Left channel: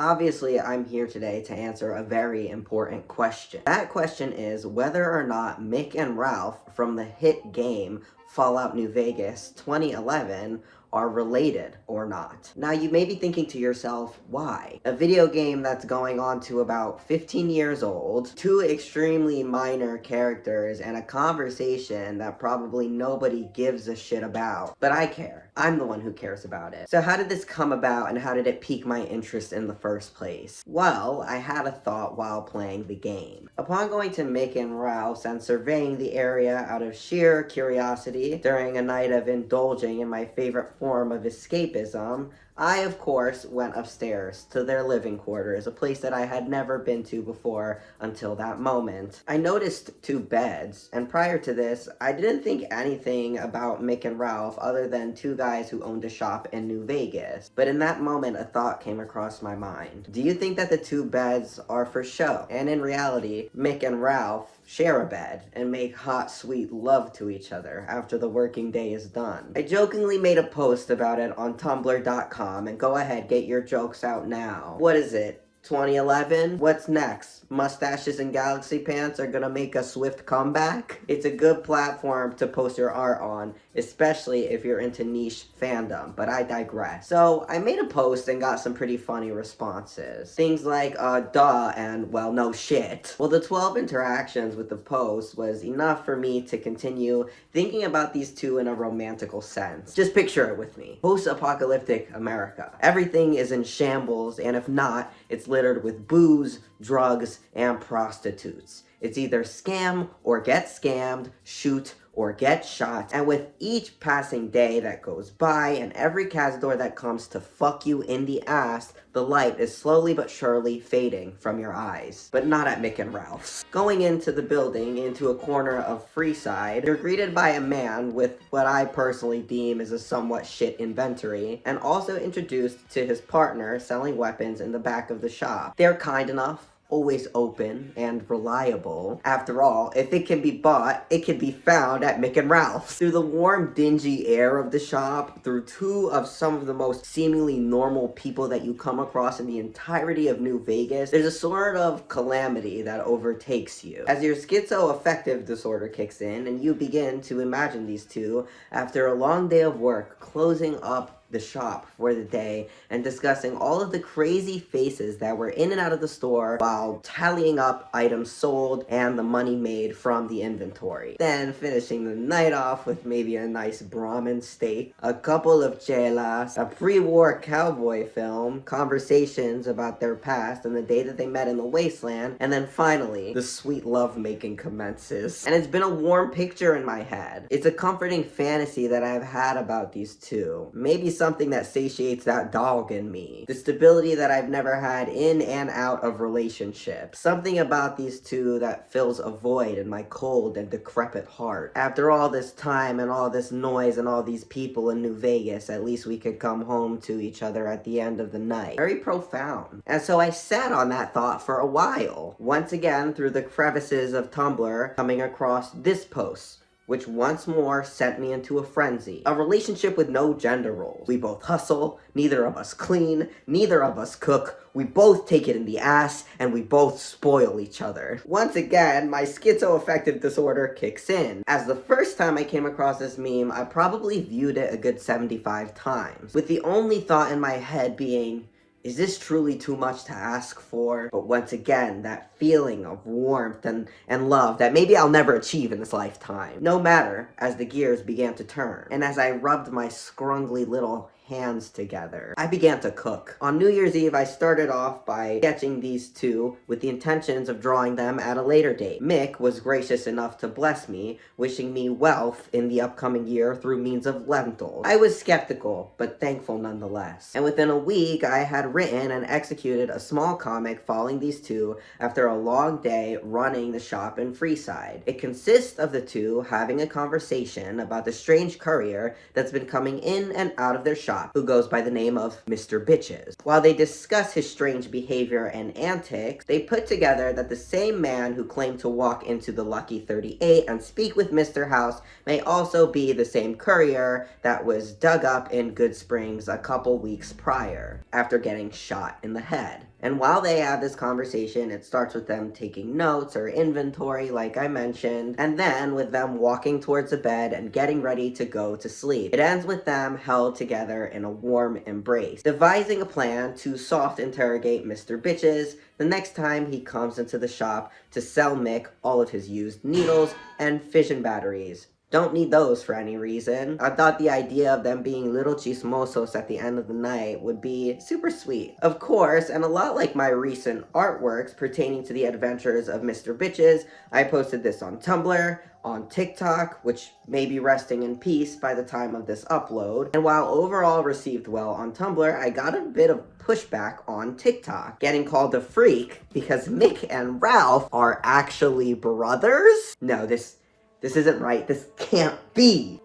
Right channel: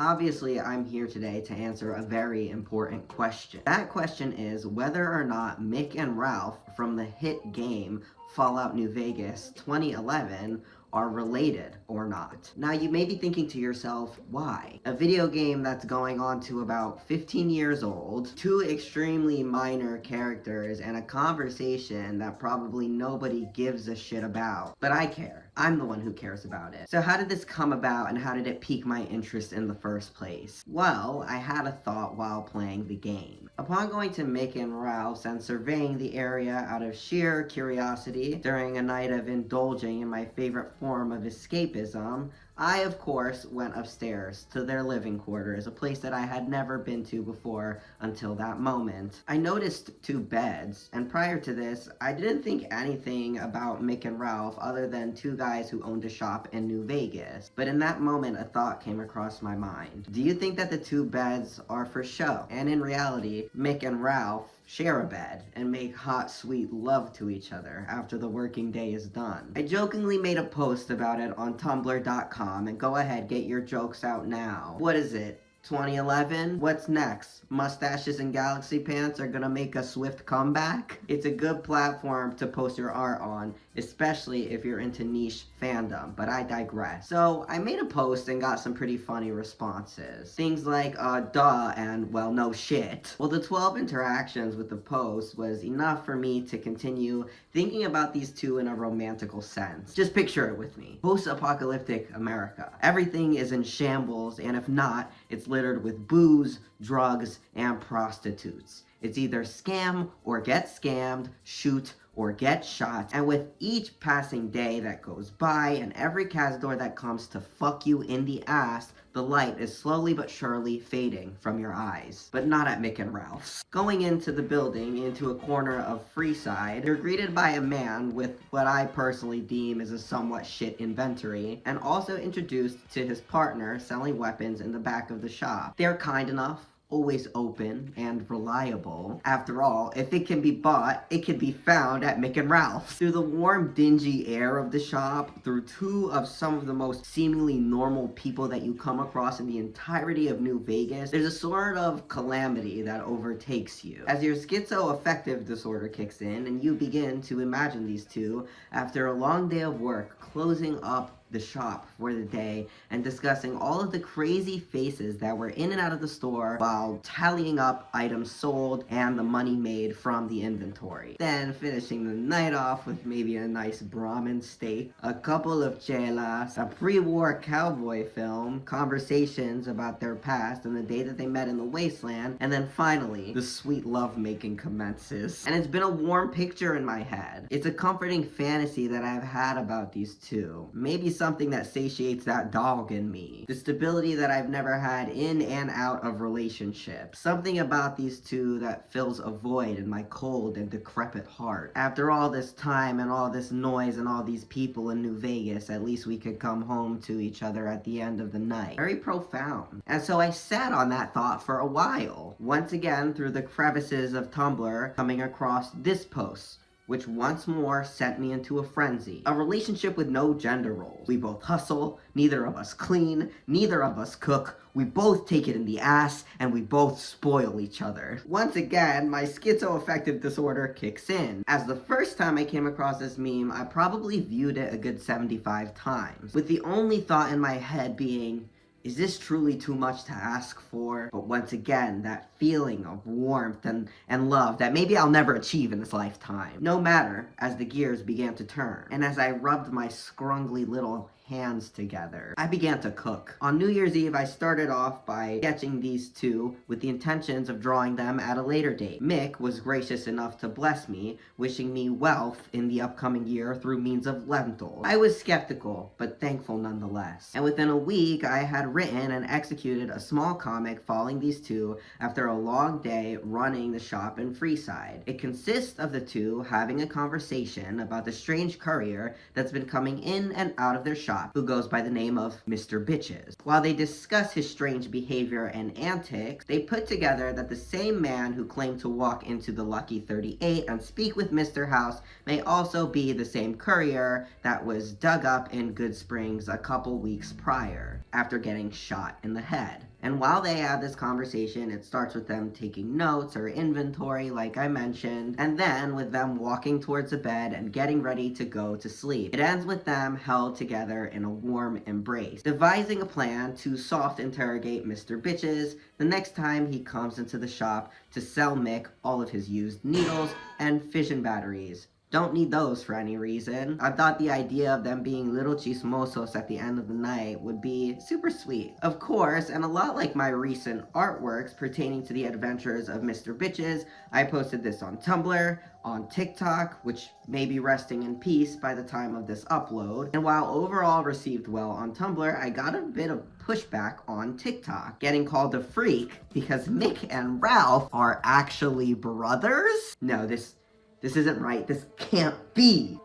Obviously, I'm here today to answer a very important question. That question is whether or not Mick and Ralph from the hit game Fallout New Vegas 2011 are related or not. Now, you may be thinking to yourself, why? A video game that's going on to about 15 years old, two extremely minor characters, and a conversation that probably nobody gives a shit about. But I care. I'm the one who cares about it. So how did this come about, and how did it pique my interest in the first place? Well, I had a thought while playing the game. Upon going to Mick and Ralph's and surveying the area out of sheer curiosity during a night of indulging in my favorite form of escapism, I, of course, went upstairs to their living quarters, a place that I had never been to before until that moment. I noticed two beds, and prior to this, I didn't think anything about Mick and Ralph other than two guys who owned a shop in New Vegas. But in that moment, a thought came across my mind. Do you think that the two beds are for show? And in reality, Mick and Ralph share a bed and make hot, sweet love to each other after the working day is done. I jokingly made a post about it on tumblr.com, and go ahead, get your jokes out now. What is it? 2011? What's next? Mustaches and galaxy pants are gonna make a swift comeback? It's a good platform to post your art on, especially if you're into niche fandom, but I digress. So, I made a post and got some pretty funny responses. Things like, duh, and, well, no shit. Well, the 12 interactions with the post was enough for me to continue thinking about these two in a romantical sense. Just picture it with me. Post-apocalyptic America. Everything is in shambles, and if not, it's littered with booze, drugs, and prostitutes. It's either scam or get scammed, shoot or get shot, and with each passing day that goes by and every Cazador that comes to fuck you in the ass, the light is slowly but surely fading from your eyes. But not at Mick and Ralph's. Going into the building, into a corner of Freeside, you're greeted by a man with what I personally deem is a somewhat shit inventory, and also introduced to his partner selling weapons in the back of the shop. They're kind enough, always open, and reliable. After all, if it can be bought, it can be found at Mick and Ralph's. Through the warm, dingy air of the shop, through two of some of the most seemingly normal people that you come across in the entirety of New Vegas, there's a sort of calamity that overtakes you. As your schizoaffective disorder kicks in, and you begin to imagine these two, after a long day of work, closing up the shop for the day and discussing all of the crazy faces that were in and out of the store while tallying up items sold and the money made from the inventory. Then finishing the night off with maybe a nice Brahmin steak, a couple of chelas, a pre-war cowboy film, conversations about their past and the day that they met in the wasteland, and then finally, the sweet lovemaking commences. And it's been a warm picture in my head. It's a comforting fantasy that I've had about these two. Maybe something that satiates that dog in me. The stability that I've never had in and out of relationships. Something about these two that fills a void in my cold and decrepit heart. After all this time and all this noise and all these people in New Vegas, at least we could come home to each other at the end of the night. Very profound. And so I sat on that thought for a while. Once again, through the crevices of Tumblr, coming across this post, which once more sent me into a frenzy. A relationship with no gender roles. We both hustle, neither of us clean, neither of us cook, we both take it in the ass, and we both spoil each other. Once again, my schizoaffective disorder kicks in. As the first time I came across this meme, I probably viewed it a good 75 times, with the only thought in my head being, is this truly too much to ask for? But once again, that feeling of warmth and love that maybe I'll never achieve in this lifetime. No matter, as the gears began to turn, and as I rubbed my scrungly little hands together, I began to cook. On New Year's Eve, I started off by sketching these two with the intentions of drawing them at a later date. Mick was gracious enough to bless me, wishing me wealth in the upcoming year through means of lentils. I was skeptical, but thankful nonetheless. And within a week, I had written and executed a small comic following these two after a long day running the shop in Freeside. It consists of the two having a conversation about the strange courier that's been coming in and out of their shop shop, who goes by the name of Mr. Bitches. While they discuss his strange behavior and antics, they put together that the same man who claimed to walk into the Lucky 38 and speak with Mr. House may also be the same courier that was dug up in Good Springs a couple weeks prior, after getting shot in the head. And while they have this conversation, it starts with them taking notes or inventory, like I mentioned, and then with them walking towards the bed and getting ready to go to sleep. It ends with them held together in a warm embrace, devising a plan to soft interrogate Mr. Bitches the next time he comes into the shop to sell Mick all of his used needles and fission batteries. Don't need those for any reason. I thought the idea of them being little chismosos at the end of the night would be super sweet. Of course, and a lot like my recent artworks pertaining to the adventures of Mr. Bitches, I posted this on Tumblr, on TikTok, which may be resting in peace by the time of this upload. And while overall received well on Tumblr, I got a bit of pushback on TikTok, getting called a freak because Mick and Ralph are actually brothers? No, this isn't right. This can't be.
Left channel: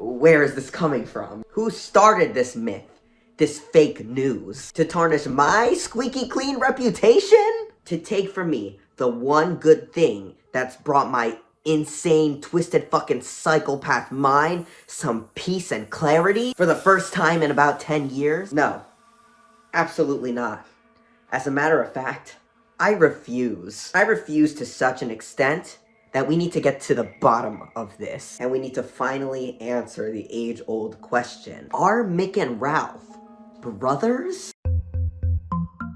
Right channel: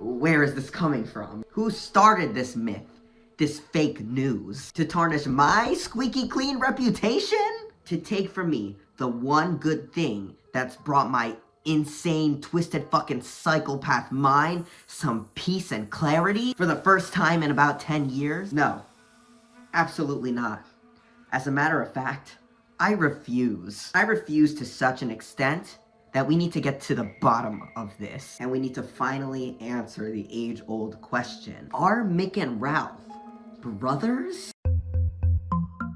Where is this coming from? Who started this myth? This fake news? To tarnish my squeaky clean reputation? To take from me the one good thing that's brought my insane, twisted fucking psychopath mind some peace and clarity for the first time in about 10 years? No. Absolutely not. As a matter of fact, I refuse. I refuse to such an extent that we need to get to the bottom of this, and we need to finally answer the age-old question. Are Mick and Ralph brothers?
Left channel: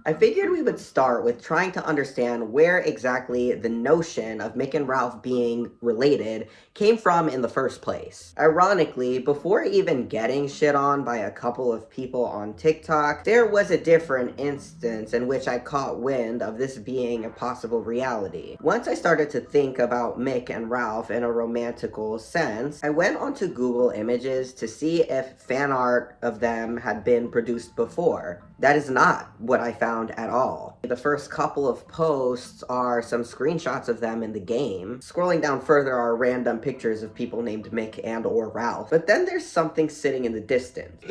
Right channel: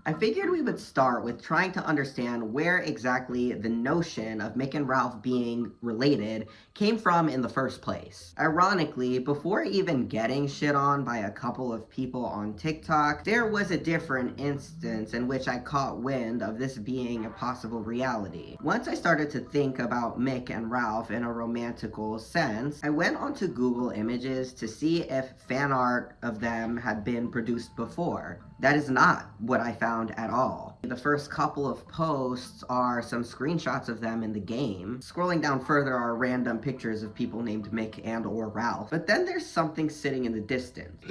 I figured we would start with trying to understand where exactly the notion of Mick and Ralph being related came from in the first place. Ironically, before even getting shit on by a couple of people on TikTok, there was a different instance in which I caught wind of this being a possible reality. Once I started to think about Mick and Ralph in a romantical sense, I went onto Google Images to see if fan art of them had been produced before. That is not what I found at all. The first couple of posts are some screenshots of them in the game. Scrolling down further are random pictures of people named Mick and or Ralph. But then there's something sitting in the distance.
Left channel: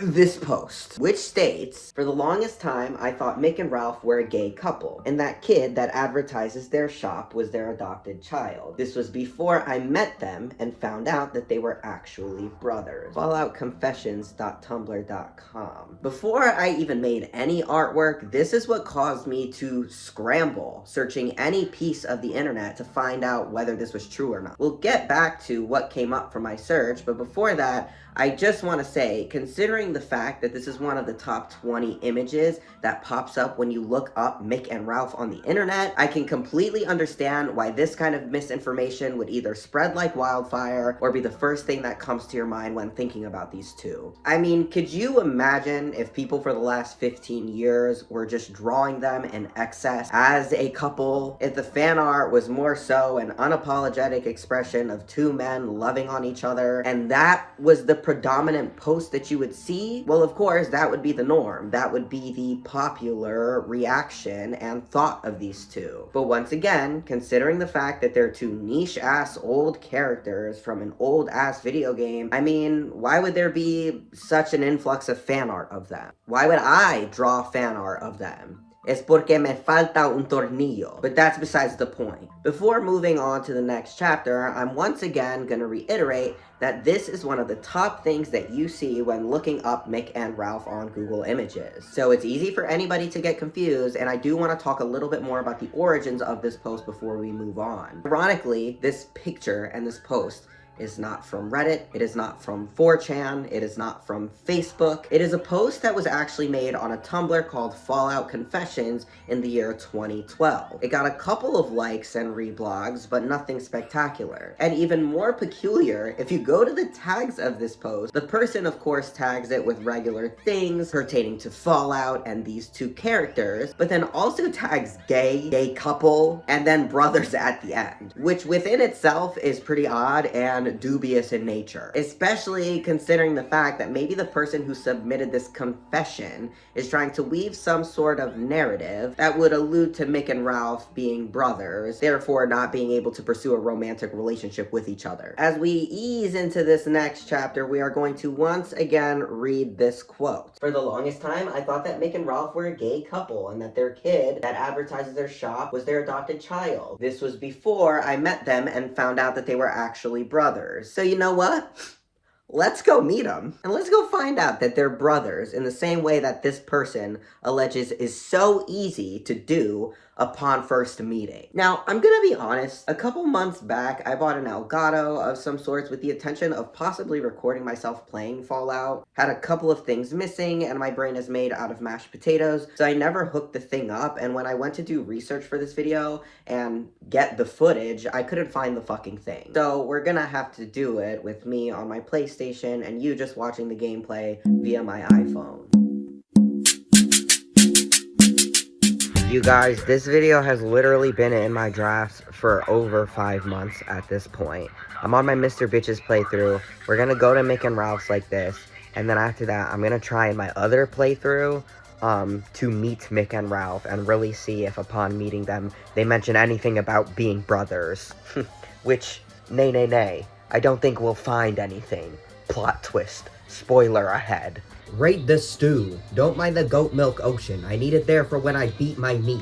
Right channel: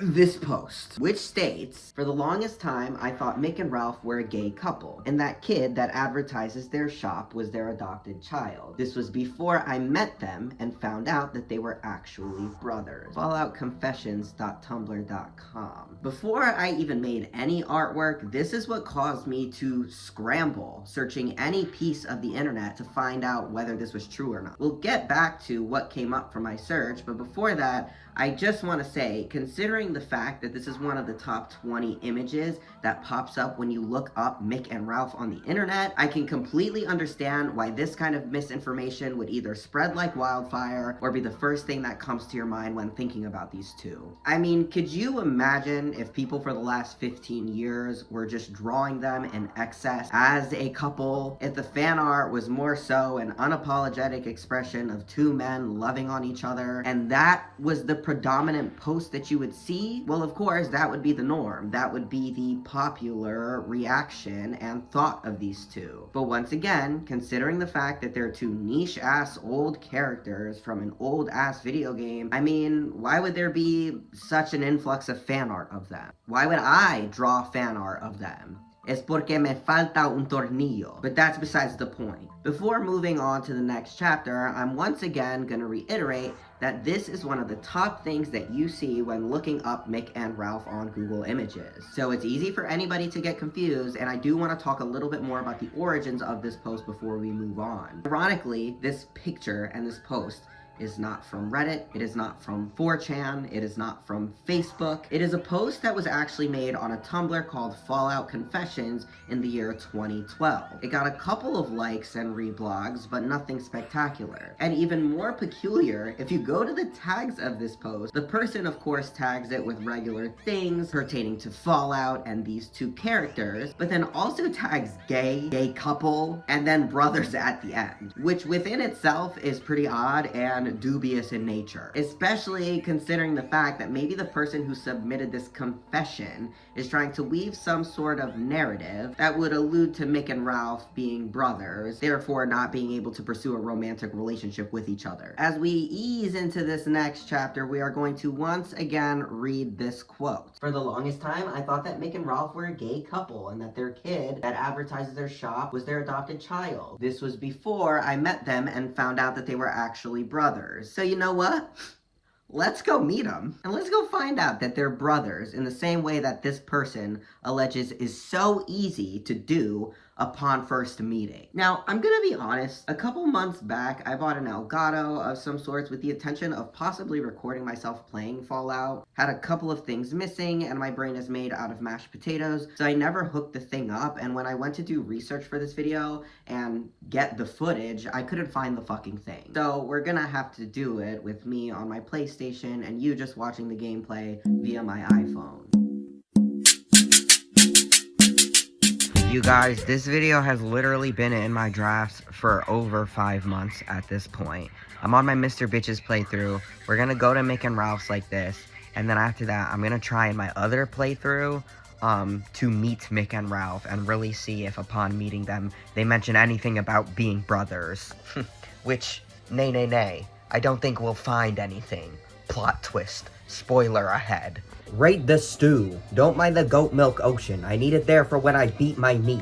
This post, which states, "For the longest time, I thought Mick and Ralph were a gay couple, and that kid that advertises their shop was their adopted child. This was before I met them and found out that they were actually brothers." FalloutConfessions.tumblr.com. Before I even made any artwork, this is what caused me to scramble, searching any piece of the internet to find out whether this was true or not. We'll get back to what came up from my search, but before that, I just want to say, considering the fact that this is one of the top 20 images that pops up when you look up Mick and Ralph on the internet, I can completely understand why this kind of misinformation would either spread like wildfire or be the first thing that comes to your mind when thinking about these two. I mean, could you imagine if people for the last 15 years were just drawing them in excess as a couple? If the fan art was more so an unapologetic expression of two men loving on each other, and that was the predominant post that you would see, well, of course, that would be the norm. That would be the popular reaction and thought of these two. But once again, considering the fact that they're two niche-ass old characters from an old-ass video game, I mean, why would there be such an influx of fan art of them? Why would I draw fan art of them? Es porque me falta un tornillo. But that's besides the point. Before moving on to the next chapter, I'm once again gonna reiterate that this is one of the top things that you see when looking up Mick and Ralph on Google Images. So it's easy for anybody to get confused, and I do want to talk a little bit more about the origins of this post before we move on. Ironically, this picture and this post is not from Reddit, it is not from 4chan, it is not from Facebook. It is a post that was actually made on a Tumblr called Fallout Confessions in the year 2012. It got a couple of likes and reblogs, but nothing spectacular. And even more peculiar, if you go to the tags of this post, the person of course tags it with regular things pertaining to Fallout and these two characters, but then also tags gay couple, and then brothers at the end, which within itself is pretty odd and and dubious in nature, especially considering the fact that maybe the person who submitted this confession is trying to weave some sort of narrative that would allude to Mick and Ralph being brothers, therefore not being able to pursue a romantic relationship with each other. As we ease into this next chapter, we are going to once again read this quote. For the longest time, I thought that Mick and Ralph were a gay couple and that their kid that advertises their shop was their adopted child. This was before I met them and found out that they were actually brothers. So you know what? Let's go meet them, and let's go find out that they're brothers in the same way that this person alleges is so easy to do upon first meeting. Now, I'm gonna be honest, a couple months back, I bought an Elgato of some sorts with the intention of possibly recording myself playing Fallout. Had a couple of things missing, and my brain is made out of mashed potatoes, so I never hooked the thing up, and when I went to do research for this video and get the footage, I couldn't find the fucking thing. So we're gonna have to do it with me on my PlayStation and you just watching the gameplay via my iPhone. You guys, this video has literally been in my drafts for over 5 months at this point. I'm on my Mr. Bitches playthrough. We're gonna go to Mick and Ralph's like this, and then after that, I'm gonna try my other playthrough to meet Mick and Ralph and really see if upon meeting them, they mention anything about being brothers. Which, nay. I don't think we'll find anything. Plot twist. Spoiler ahead. Rate the stew. Don't mind the goat milk ocean. I need it there for when I beat my meat.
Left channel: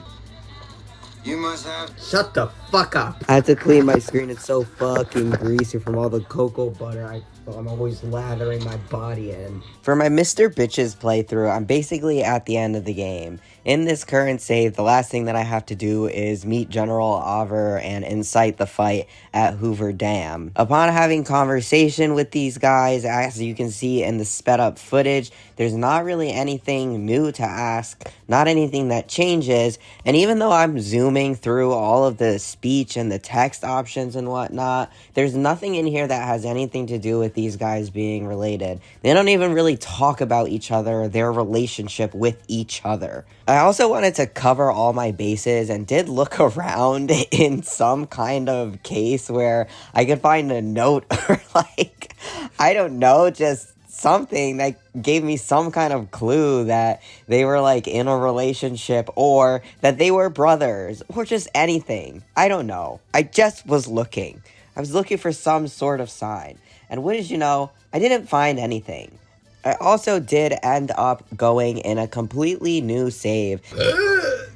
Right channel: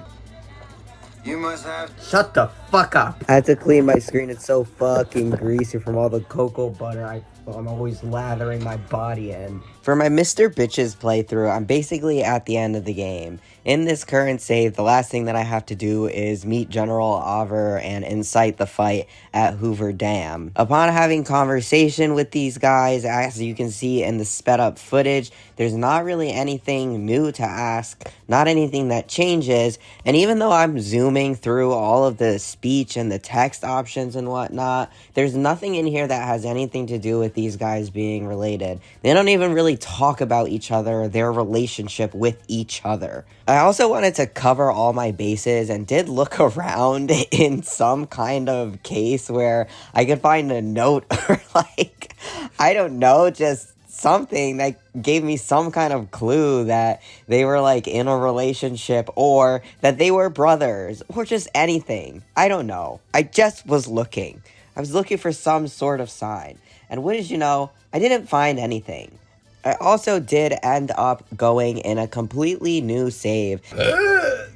You must have... Shut the fuck up. I had to clean my screen. It's so fucking greasy from all the cocoa butter I'm always lathering my body in. For my Mr. Bitches playthrough, I'm basically at the end of the game. In this current save, the last thing that I have to do is meet General Auver and incite the fight at Hoover Dam. Upon having conversation with these guys, as you can see in the sped up footage, there's not really anything new to ask, not anything that changes, and even though I'm zooming through all of the speech and the text options and whatnot, there's nothing in here that has anything to do with these guys being related. They don't even really talk about each other, their relationship with each other. I also wanted to cover all my bases and did look around in some kind of case where I could find a note or like, I don't know, just something that gave me some kind of clue that they were like in a relationship or that they were brothers or just anything. I don't know. I just was looking. I was looking for some sort of sign. And what did you know? I didn't find anything. I also did end up going in a completely new save.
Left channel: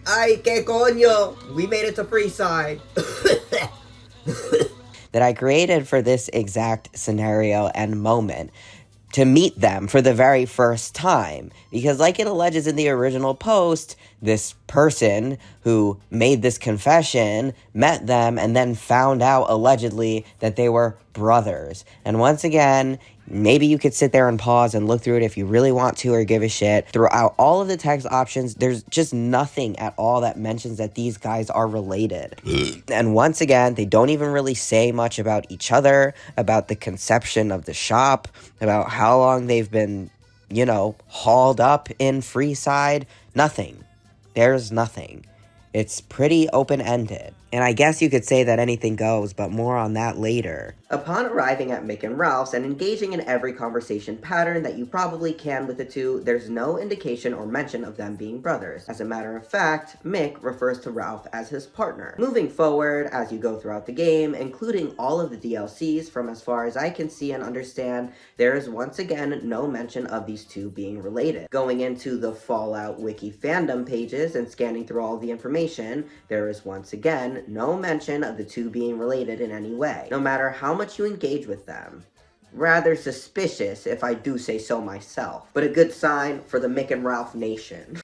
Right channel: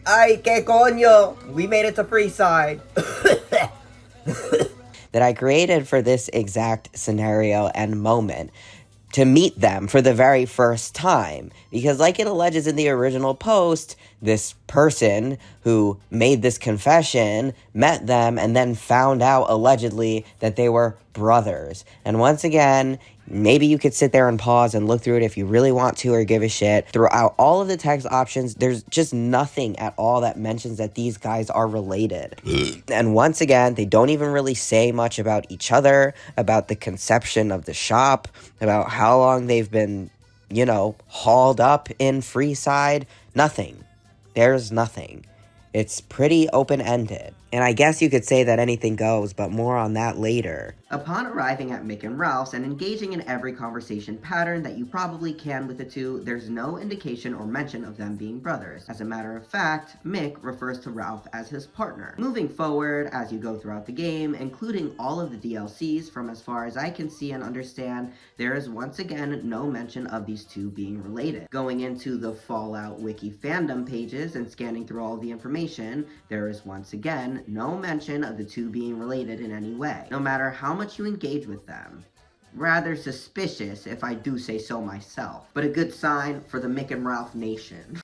Ay, que coño! We made it to Freeside. That I created for this exact scenario and moment to meet them for the very first time. Because like it alleges in the original post, this person who made this confession met them and then found out allegedly that they were brothers. And once again, maybe you could sit there and pause and look through it if you really want to or give a shit. Throughout all of the text options, there's just nothing at all that mentions that these guys are related. And once again, they don't even really say much about each other, about the conception of the shop, about how long they've been, you know, hauled up in Freeside. Nothing. There's nothing. It's pretty open-ended. And I guess you could say that anything goes, but more on that later. Upon arriving at Mick and Ralph's and engaging in every conversation pattern that you probably can with the two, there's no indication or mention of them being brothers. As a matter of fact, Mick refers to Ralph as his partner. Moving forward, as you go throughout the game, including all of the DLCs, from as far as I can see and understand, there is once again no mention of these two being related. Going into the Fallout Wiki fandom pages and scanning through all the information, there is once again no mention of the two being related in any way, no matter how much you engage with them. Rather suspicious, if I do say so myself, but a good sign for the Mick and Ralph nation.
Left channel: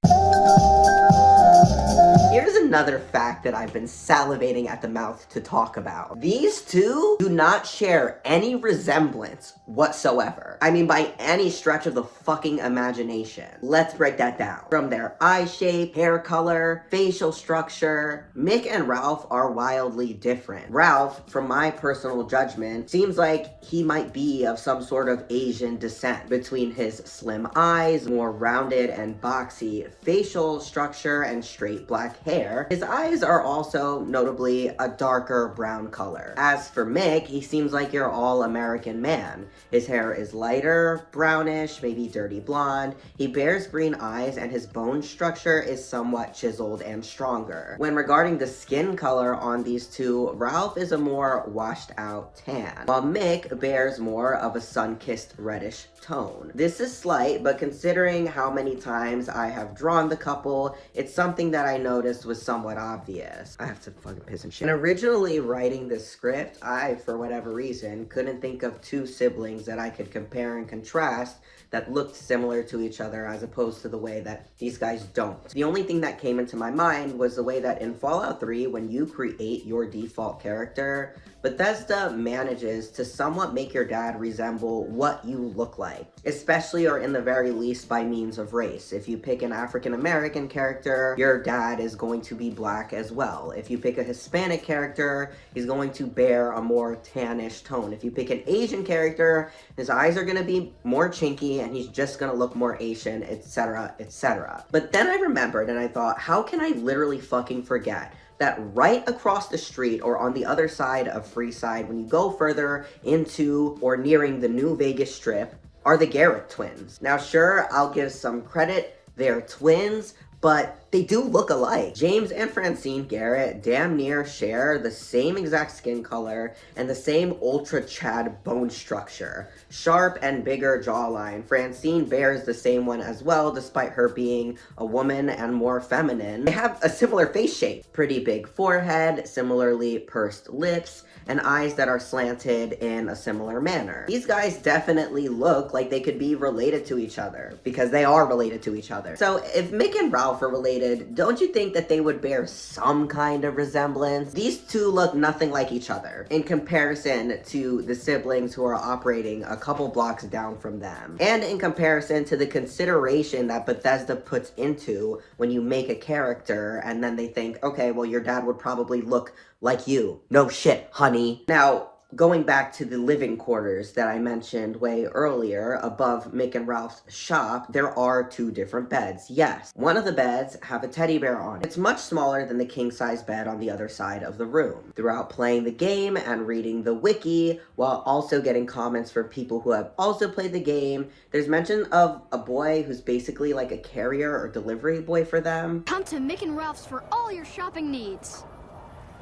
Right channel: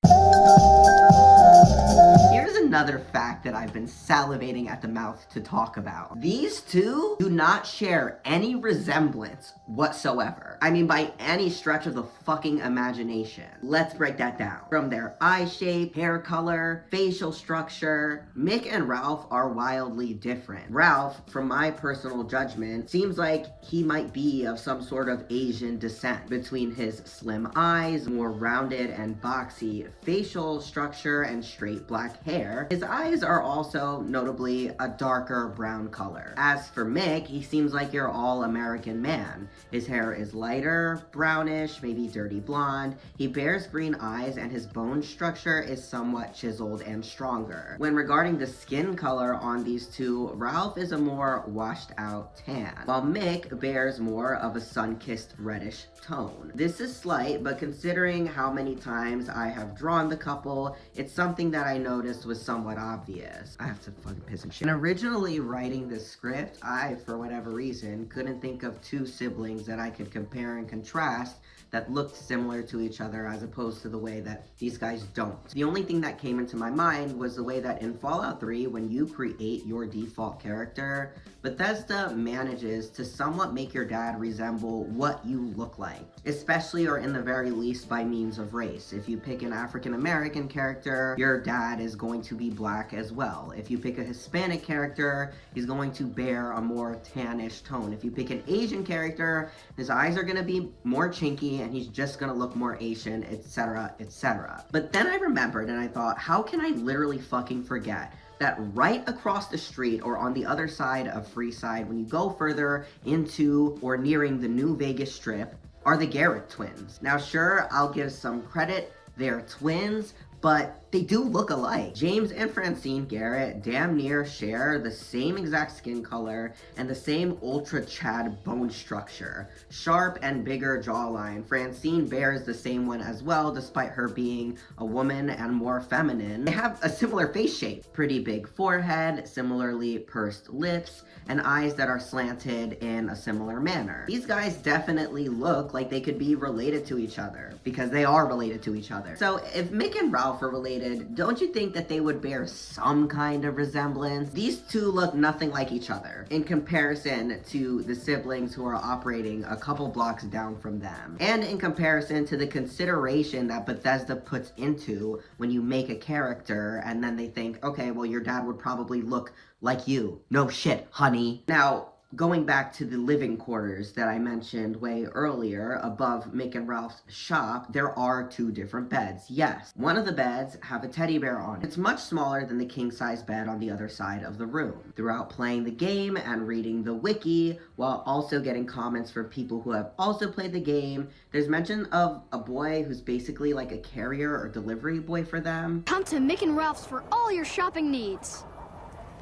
Here's another fact that I've been salivating at the mouth to talk about. These two do not share any resemblance whatsoever. I mean, by any stretch of the fucking imagination. Let's break that down. From their eye shape, hair color, facial structure, Mick and Ralph are wildly different. Ralph, from my personal judgment, seems like he might be of some sort of Asian descent. Between his slim eyes, more rounded and boxy facial structure, and straight black hair, His eyes are also notably a darker brown color. As for Mick, he seems like your all-American man. His hair is lighter, brownish, maybe dirty blonde. He bears green eyes and his bone structure is somewhat chiseled and stronger. When regarding the skin color on these two, Ralph is a more washed out tan, while Mick bears more of a sun-kissed reddish tone. This is slight, but considering how many times I have drawn the couple, it's something that I noticed was somewhat obvious. I have to fucking piss and shit. And originally writing this script, I, for whatever reason, couldn't think of two siblings that I could compare and contrast that looked similar to each other as opposed to the way that these guys don't. The only thing that came into my mind was the way that in Fallout 3, when you create your default character, Bethesda manages to somewhat make your dad resemble what you look like, especially or in the very least by means of race. If you pick an African American character, your dad is going to be black as well. If you pick a Hispanic character, he's going to bear a more tannish tone. If you pick an Asian character, his eyes are going to be more chinky and he's just going to look more Asian, etc., etc. But then I remembered and I thought, how can I literally fucking forget that right across the street or on the other side of Freeside, when you go further into or nearing the New Vegas Strip, are the Garrett twins. Now sure, I'll give some credit, they're twins, but they do look alike. James and Francine Garrett damn near share the same exact skin color and the same ultra Chad bone structure. Sharp and bigger jawline. Francine bears the same one as well, despite her being a woman and more feminine. They have a similar face shape. Pretty big forehead, similarly pursed lips, and eyes that are slanted in a similar manner. These guys definitely look like they could be related to each other, because they are related to each other. So if Mick and Ralph are related, don't you think that they would bear some kind of resemblance? These two look nothing like each other in comparison to the siblings who are operating a couple blocks down from them, and in comparison to the consideration that Bethesda puts into when you make a character and then they think, okay, well, your dad would probably look like you. No shit, honey. Now, going back to the living quarters that I mentioned way earlier, above Mick and Ralph's shop, there are two different beds. Yes, one of the beds have a teddy bear on it. It's much smaller than the king-size bed on the other side of the room. Throughout playing the game and reading the wiki, while also getting comments from people who have also played the game, there's mention of a boy who's basically like a carrier or delivery boy for them. Come to Mick and Ralph's for all your shopping needs.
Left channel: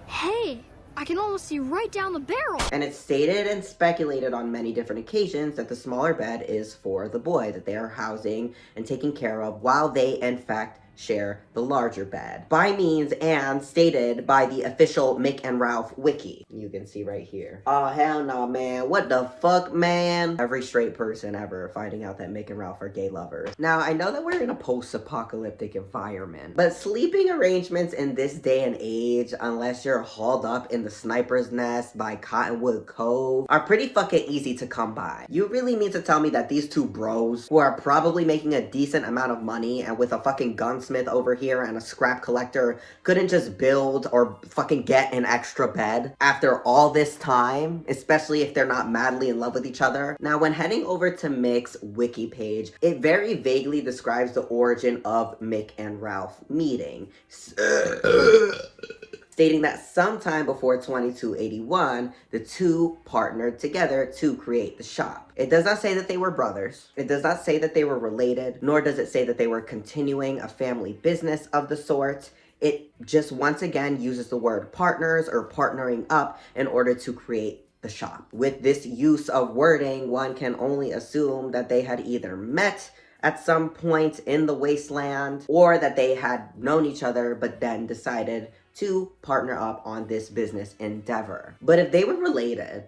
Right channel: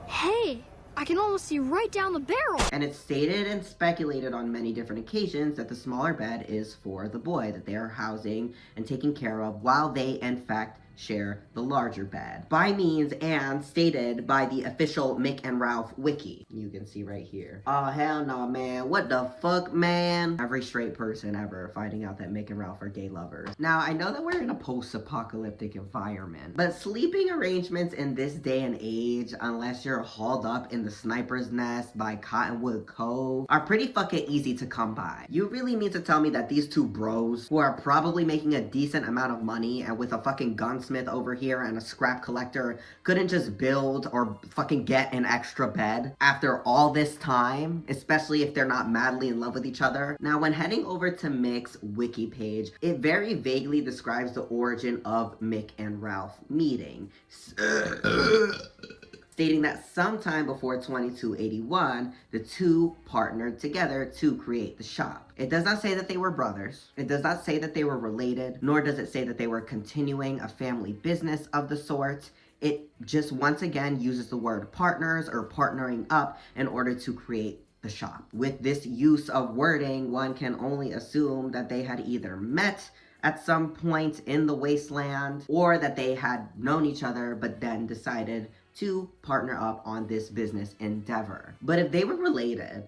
Hey, I can almost see right down the barrel. And it's stated and speculated on many different occasions that the smaller bed is for the boy that they are housing and taking care of, while they in fact share the larger bed. By means and stated by the official Mick and Ralph wiki. You can see right here. Oh, hell no, man. What the fuck, man? Every straight person ever finding out that Mick and Ralph are gay lovers. Now, I know that we're in a post-apocalyptic environment, but sleeping arrangements in this day and age, unless you're hauled up in the sniper's nest by Cottonwood Cove, are pretty fucking easy to come by. You really mean to tell me that these two bros, who are probably making a decent amount of money and with a fucking gunsmith over here and a scrap collector, couldn't just build or fucking get an extra bed after all this time, especially if they're not madly in love with each other? Now, when heading over to Mick's wiki page, it very vaguely describes the origin of Mick and Ralph meeting, stating that sometime before 2281, the two partnered together to create the shop. It does not say that they were brothers. It does not say that they were related, nor does it say that they were continuing a family business of the sort. It just once again uses the word partners or partnering up in order to create the shop. With this use of wording, one can only assume that they had either met at some point in the wasteland, or that they had known each other but then decided to partner up on this business endeavor. But if they were related,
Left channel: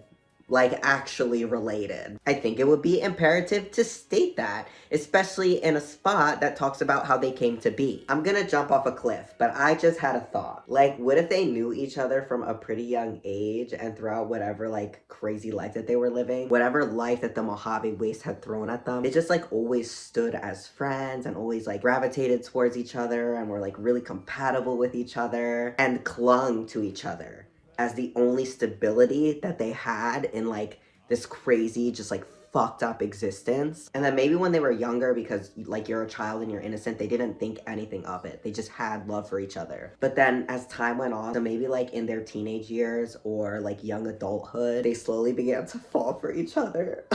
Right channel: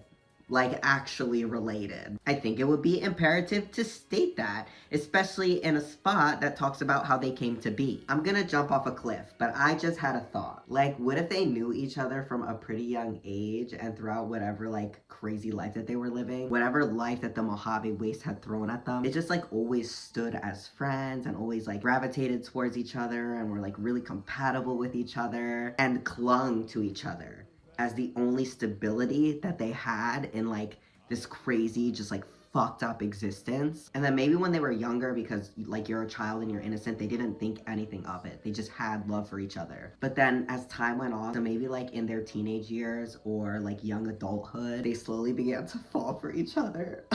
like actually related, I think it would be imperative to state that, especially in a spot that talks about how they came to be. I'm gonna jump off a cliff, but I just had a thought. Like, what if they knew each other from a pretty young age, and throughout whatever like crazy life that they were living, whatever life that the Mojave Waste had thrown at them, it just like always stood as friends and always like gravitated towards each other and were like really compatible with each other and clung to each other as the only stability that they had in like this crazy, just like fucked up existence. And then maybe when they were younger, because like you're a child and you're innocent, they didn't think anything of it. They just had love for each other. But then as time went on, so maybe like in their teenage years or like young adulthood, they slowly began to fall for each other.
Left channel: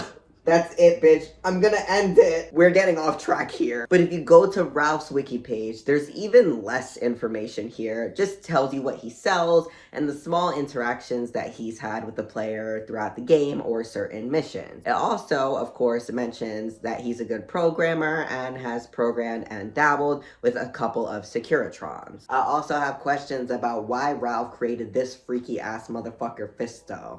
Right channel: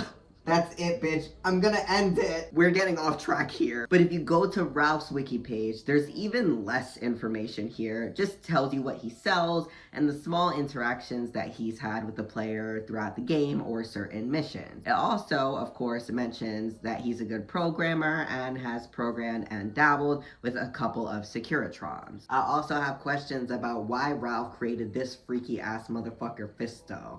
That's it, bitch. I'm gonna end it. We're getting off track here. But if you go to Ralph's wiki page, there's even less information here. It just tells you what he sells and the small interactions that he's had with the player throughout the game or certain missions. It also, of course, mentions that he's a good programmer and has programmed and dabbled with a couple of Securitrons. I also have questions about why Ralph created this freaky ass motherfucker Fisto.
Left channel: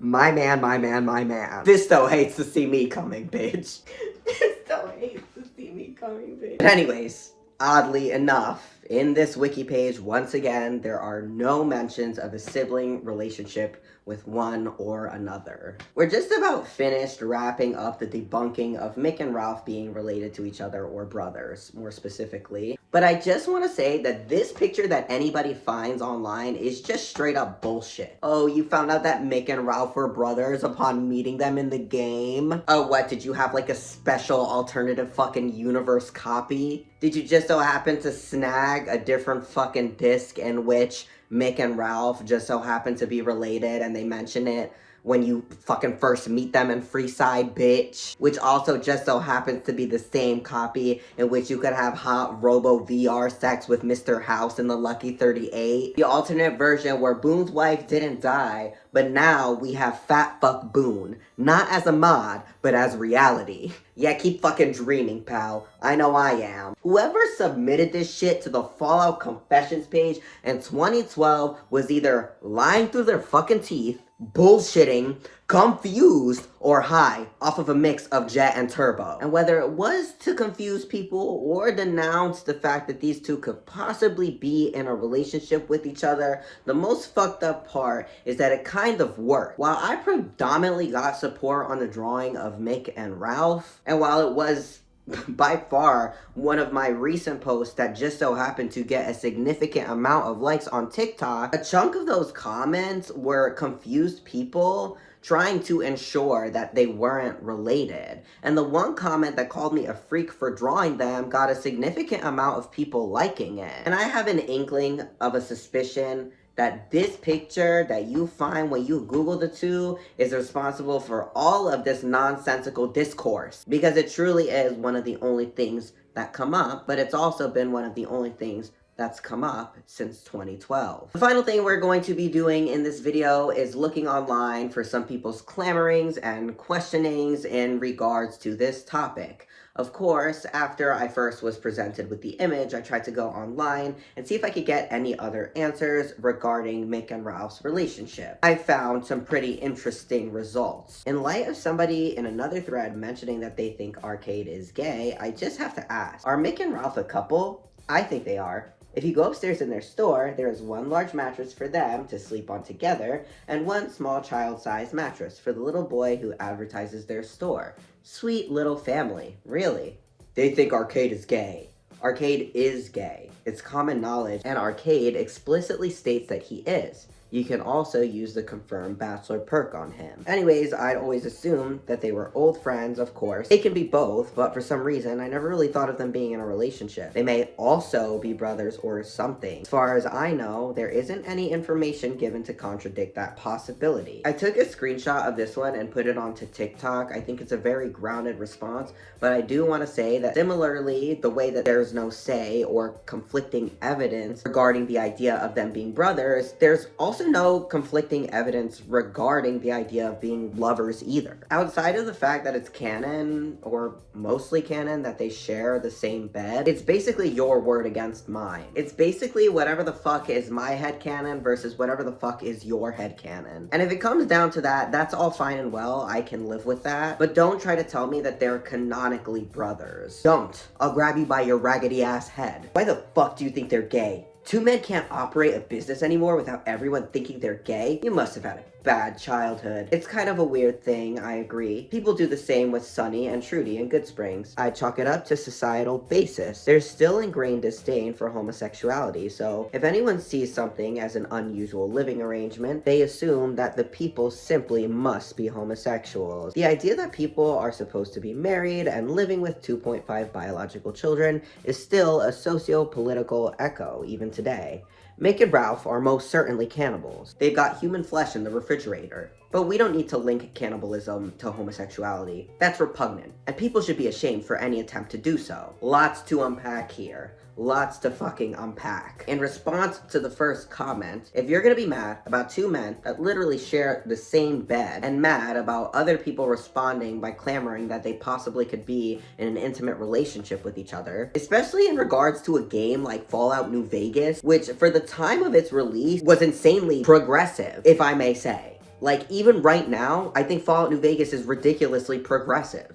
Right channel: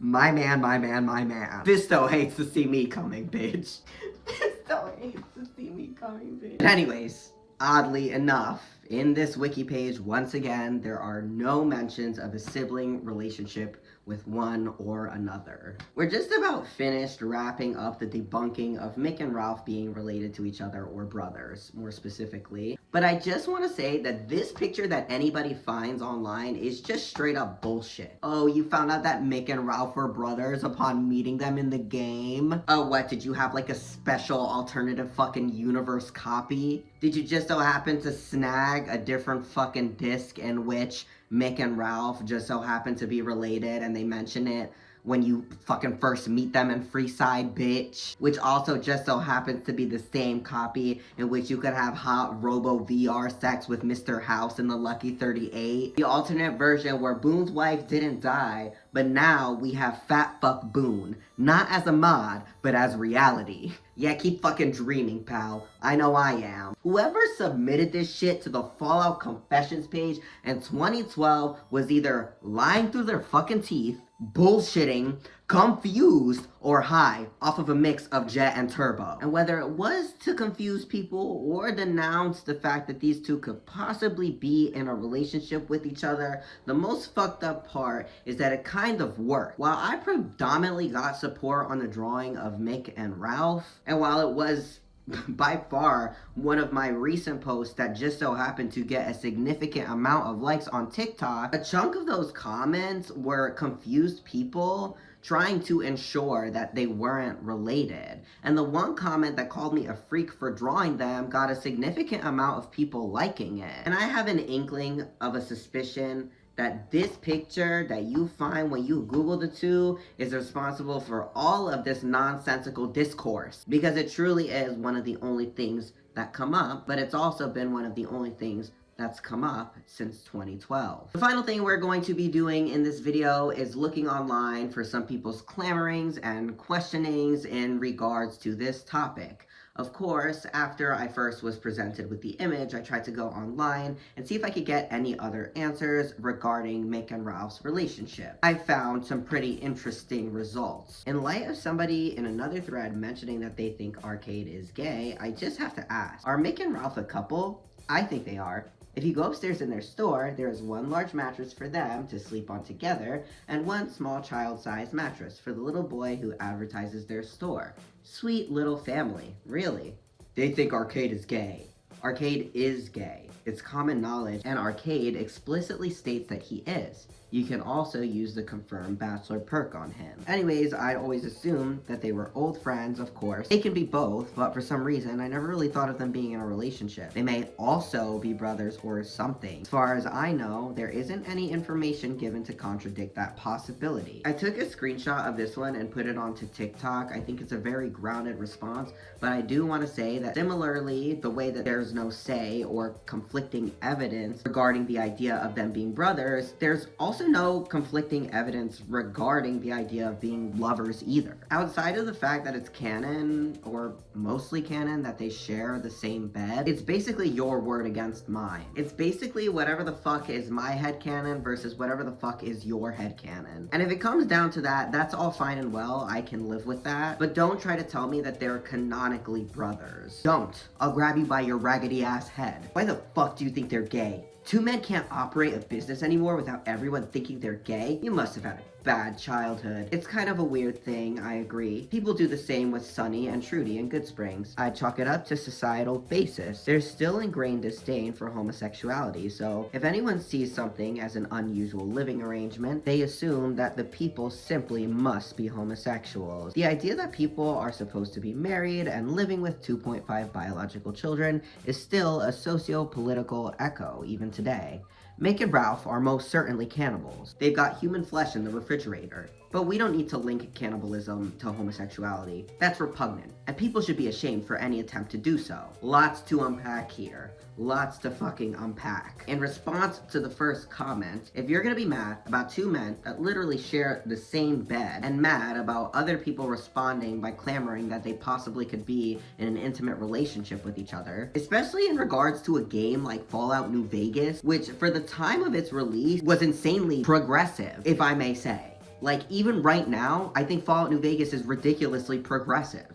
My man. Fisto hates to see me coming, bitch. Fisto hates to see me coming, bitch. But anyways, oddly enough, in this wiki page, once again, there are no mentions of a sibling relationship with one or another. We're just about finished wrapping up the debunking of Mick and Ralph being related to each other or brothers, more specifically. But I just want to say that this picture that anybody finds online is just straight up bullshit. Oh, you found out that Mick and Ralph were brothers upon meeting them in the game? Oh, what, did you have like a special alternative fucking universe copy? Did you just so happen to snag a different fucking disc in which Mick and Ralph just so happen to be related and they mention it when you fucking first meet them in Freeside, bitch? Which also just so happens to be the same copy in which you could have hot Robo VR sex with Mr. House in the Lucky 38. The alternate version where Boone's wife didn't die, but now we have Fat Fuck Boone. Not as a mod, but as reality. Yeah, keep fucking dreaming, pal. I know I am. Whoever submitted this shit to the Fallout Confessions page in 2012 was either lying through their fucking teeth, bullshitting, confused, or high off of a mix of Jet and Turbo. And whether it was to confuse people or denounce the fact that these two could possibly be in a relationship with each other, the most fucked up part is that it kind of worked. While I predominantly got support on the drawing of Mick and Ralph, and while it was by far one of my recent posts that just so happened to get a significant amount of likes on TikTok, a chunk of those comments were confused people trying to ensure that they weren't related. And the one comment that called me a freak for drawing them got a significant amount of people liking it. And I have an inkling of a suspicion that this picture that you find when you Google the two is responsible for all of this nonsensical discourse. Because it truly is one of the only things that come up, but it's also been one of the only things that's come up since 2012. The final thing we're going to be doing in this video is looking online for some people's clamorings and questionings in regards to this topic. Of course, after I first was presented with the image, I tried to go online and see if I could get any other answers regarding Mick and Ralph's relationship. I found some pretty interesting results. In light of somebody in another thread mentioning that they think Arcade is gay, I just have to ask, are Mick and Ralph a couple? I think they are. If you go upstairs in their store, there is one large mattress for them to sleep on together, and one small child-sized mattress for the little boy who advertises their store. Sweet little family, really. They think Arcade is gay. Arcade is gay. It's common knowledge, and Arcade explicitly states that he is. You can also use the confirmed bachelor perk on him. Anyways, I'd always assumed that they were old friends, of course. They can be both, but for some reason, I never really thought of them being in a relationship. They may also be brothers or something. As far as I know, there isn't any information given to contradict that possibility. I took a screenshot of this one and put it onto TikTok. I think it's a very grounded response, but I do want to say that similarly, the way that there's no say or conflicting evidence regarding the idea of them being brothers, there's also no conflicting evidence regarding the idea of being lovers either. Outside of the fact that it's canon, or mostly canon, that they share the same bed, it's basically your word against mine. It's basically whatever the fuck is my headcanon versus whatever the fuck is your headcanon. And if it comes down to that, that's all fine and well, I can live with that. But don't try to tell me that they're canonically brothers. Don't. I'll grab you by your raggedy ass head. Why the fuck do you think they're gay? Two men can't operate a business anymore without everyone thinking they're gay? You must have had a bad childhood. It's kind of a weird thing, I agree. People do the same with Sunny and Trudy in Good Springs. I chalk it up to societal basis. There's still ingrained disdain for homosexuality, so if anyone sees something as an unusual living arrangement, they assume that the people simply must be homosexuals. The idea that people are supposed to be married and living with 2.5 biological children is still a socio-political echo even today. Mick and Ralph are most certainly cannibals. They've got human flesh in the refrigerator. But we don't need to link cannibalism to homosexuality. That's repugnant, and people should be ashamed for any attempt to do so. Lots to unpack here. Lots to fucking unpack. In response to the first comment, if you're gonna be mad about two men that literally share the same bed, and mad about other people responding by clamoring that they possibly could be in an intimate relationship with each other, especially in regards to a game like Fallout New Vegas, which for the time of its release was insanely progressive, if I may say. Like, even right now, I think Fallout New Vegas is ridiculously progressive.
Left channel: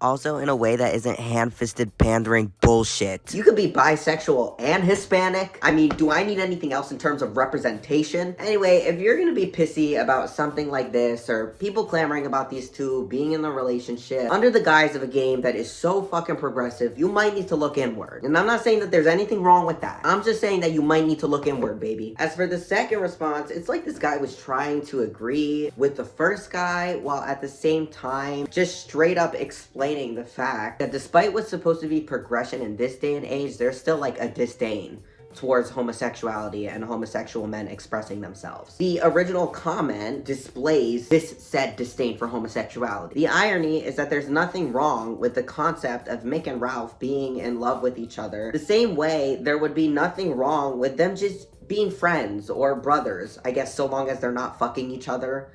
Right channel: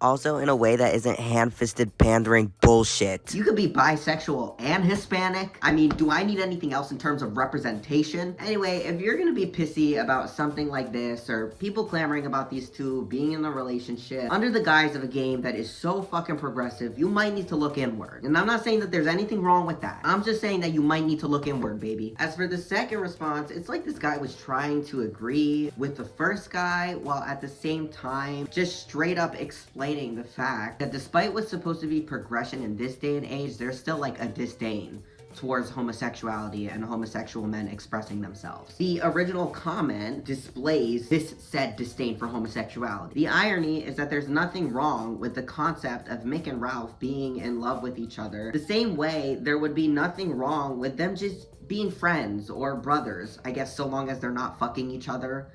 Also, in a way that isn't hand-fisted pandering bullshit. You could be bisexual and Hispanic. I mean, do I need anything else in terms of representation? Anyway, if you're gonna be pissy about something like this, or people clamoring about these two being in a relationship under the guise of a game that is so fucking progressive, you might need to look inward. And I'm not saying that there's anything wrong with that. I'm just saying that you might need to look inward, baby. As for the second response, it's like this guy was trying to agree with the first guy while at the same time just straight up explaining the fact that despite what's supposed to be progression in this day and age, there's still like a disdain towards homosexuality and homosexual men expressing themselves. The original comment displays this said disdain for homosexuality. The irony is that there's nothing wrong with the concept of Mick and Ralph being in love with each other, the same way there would be nothing wrong with them just being friends or brothers, I guess, so long as they're not fucking each other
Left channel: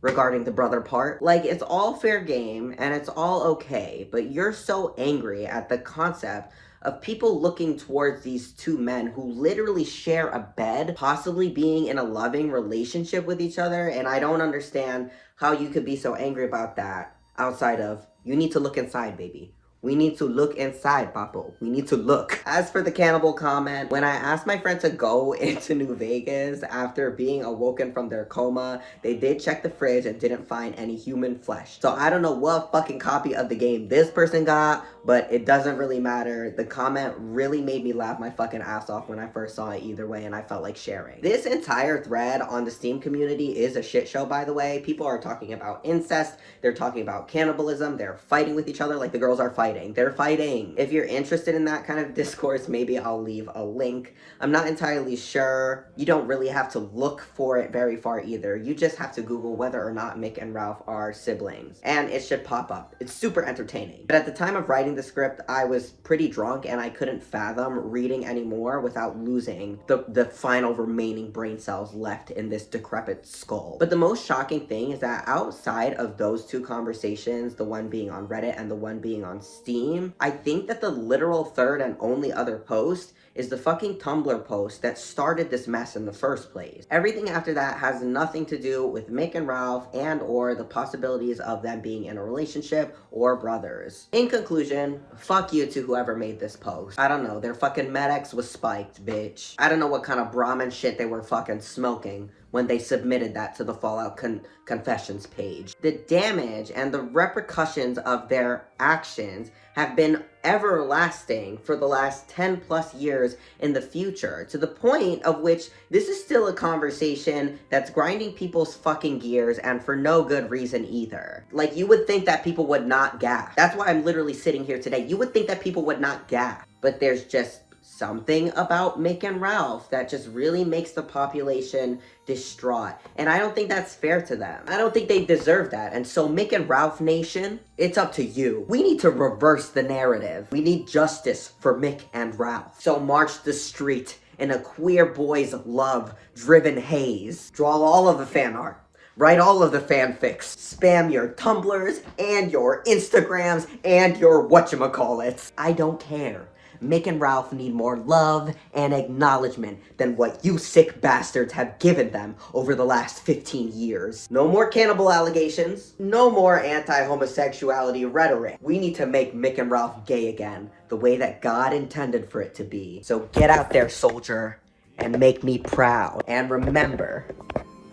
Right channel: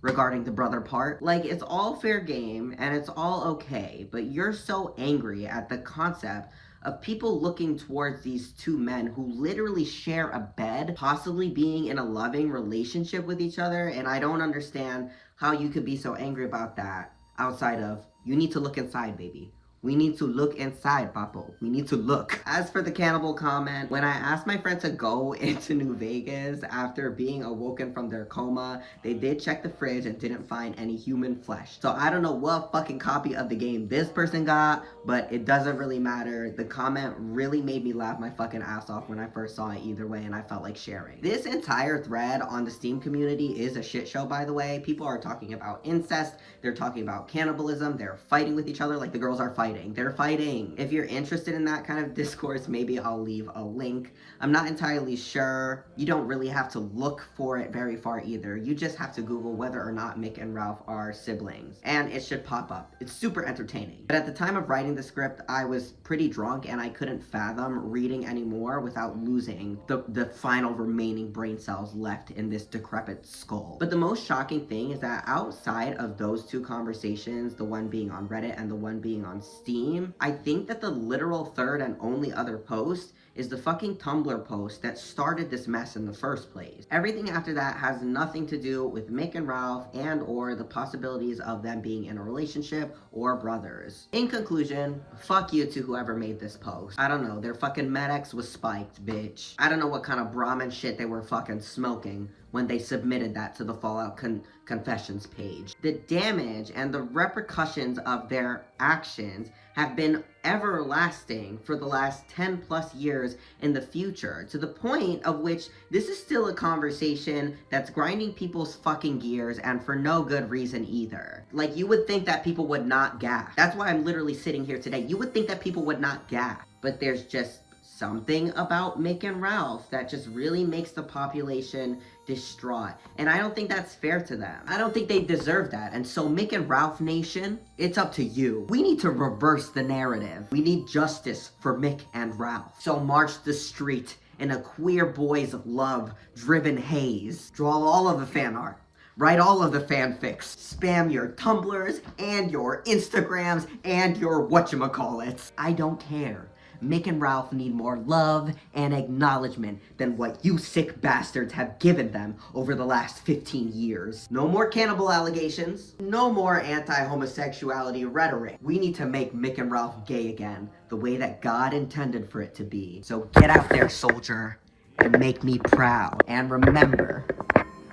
regarding the brother part. Like, it's all fair game and it's all okay, but you're so angry at the concept of people looking towards these two men who literally share a bed, possibly being in a loving relationship with each other, and I don't understand how you could be so angry about that outside of, you need to look inside, baby. We need to look inside, Papo. We need to look. As for the cannibal comment, when I asked my friend to go into New Vegas after being awoken from their coma, they did check the fridge and didn't find any human flesh. So I don't know what fucking copy of the game this person got, but it doesn't really matter. The comment really made me laugh my fucking ass off when I first saw it either way, and I felt like sharing. This entire thread on the Steam community is a shit show, by the way. People are talking about incest, they're talking about cannibalism, they're fighting with each other like the girls are fighting. They're fighting. If you're interested in that kind of discourse, maybe I'll leave a link. I'm not entirely sure. You don't really have to look for it very far either. You just have to Google whether or not Mick and Ralph are siblings, and it should pop up. It's super entertaining. But at the time of writing the script, I was pretty drunk and I couldn't fathom reading anymore without losing the final remaining brain cells left in this decrepit skull. But the most shocking thing is that outside of those two conversations, the one being on Reddit and the one being on Steam, I think that the literal third and only other post is the fucking Tumblr post that started this mess in the first place. Everything after that has nothing to do with Mick and Ralph and or the possibilities of them being in a relationship or brothers. In conclusion, fuck you to whoever made this post. I don't know, their fucking Med-X was spiked, bitch. I don't know what kind of Brahmin shit they were fucking smoking when they submitted that to the Fallout Confessions page. The damage and the repercussions of their actions have been everlasting for the last 10 plus years in the future, to the point of which this is still a conversation that's grinding people's fucking gears, and for no good reason either. Like, you would think that people would not gap. That's why I'm literally sitting here today. You would think that people would not gap, but there's just something about Mick and Ralph that just really makes the population distraught. And I don't think that's fair to them. I don't think they deserve that. And so Mick and Ralph Nation, it's up to you. We need to reverse the narrative. We need justice for Mick and Ralph. So march the street in a queer boy's love-driven haze. Draw all of the fan art. Write all of the fanfics. Spam your Tumblrs and your Instagrams and your whatchamacallits. I don't care. Mick and Ralph need more love and acknowledgement than what you sick bastards have given them over the last 15 years. No more cannibal allegations. No more anti-homosexuality rhetoric. We need to make Mick and Ralph gay again, the way that God intended for it to be. So get out there, soldier, and make me proud. And remember,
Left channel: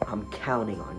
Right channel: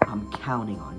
I'm counting on you.